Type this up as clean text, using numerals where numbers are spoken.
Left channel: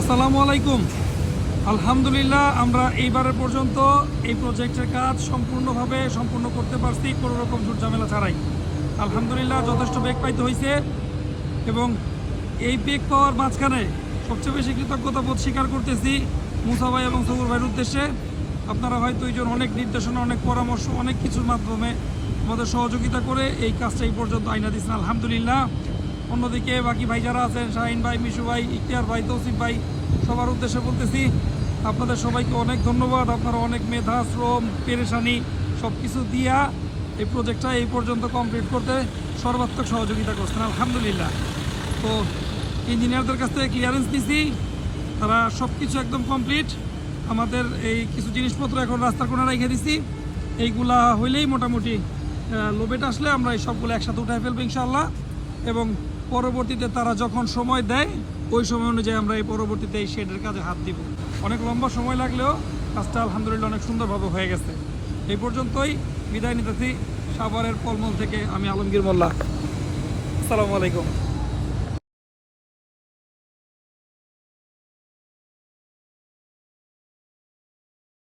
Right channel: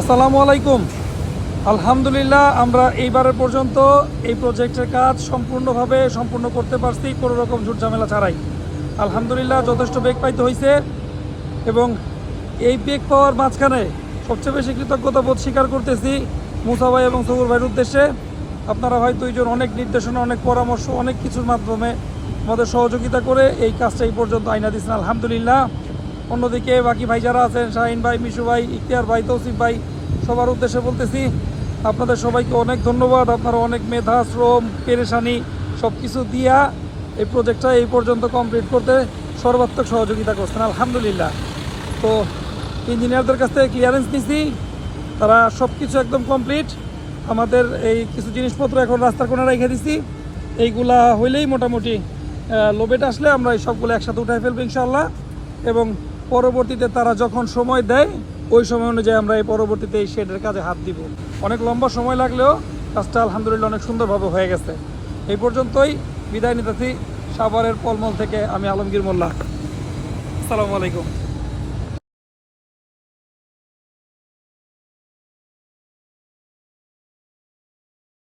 আসসালামু আলাইকুম। আলহামদুলিল্লাহ, আমরা এইবারের পর্যন্ত এই প্রজেক্টের কাজ সম্পূর্ণ করতে পারছি কোনো রকম ঝুটঝামেলা ছাড়াই। আলহামদুলিল্লাহ, যথেষ্ট বেগ পাইতে হয়েছে এবং এই বেগ পাওয়ার মাঝখানে সবচেয়ে বেশি কৃতজ্ঞতা বোধ স্বীকার করতেছি মুসা ভাই এবং সবুর ভাইয়ের উদ্দেশ্যে। আপনারা হয়তো এইজন অনেক নির্দেশনা, অনেক পরামর্শ, অনেক কিছুর মাধ্যমে আমাদের সহযোগিতা করে এই কাজটা এই পর্যন্ত আইনা দিচ্ছেন, আলহামদুলিল্লাহ। অন্যদিকে বাকি ভাই যারা আছেন, শাহিন ভাই, মিশু ভাই, ইখতিয়ার ভাই, তৌসিফ ভাই, সবার উদ্দেশ্যে বলতেছি আপনাদের সবাইকে অনেক ধন্যবাদ। আপনারা অনেক মেধা, শ্রম, পেরেশানি সব কিছু দিয়া এই প্রজেক্টটা এই পর্যন্ত কমপ্লিট করতে সর্বাত্মক সহযোগিতা করছেন, আলহামদুলিল্লাহ। তো ইঞ্জিনিয়ারদের কাছ থেকে ক্লিয়ারেন্স নিছি, তারা সব কিছু একদম কমপ্লিট। আমাদের এই কিছু জিনিসপত্র এখন রাস্তার কোণে রেখে দিছি, এইগুলা হইলেই মোটামুটি লোবেট আসলে আমরা এই সবগুলো একসাথে উঠাই ফেলবো ইনশাল্লাহ। এবং পরবর্তীতে তারা যখন সময় দেয় ওই সময় অনুযায়ী আমরা এই পরবর্তীতে এই শেডের কাজে হাত দিব। অনেক লম্বা সময় লাগলেও কাজটা আলহামদুলিল্লাহ অনেক সুন্দরভাবে হয়ে গেছে। এই পর্যন্তই বিদায় নিতেছি সাভারের পলমল থেকে আমি আলমগীর মোল্লা। আসসালামু আলাইকুম।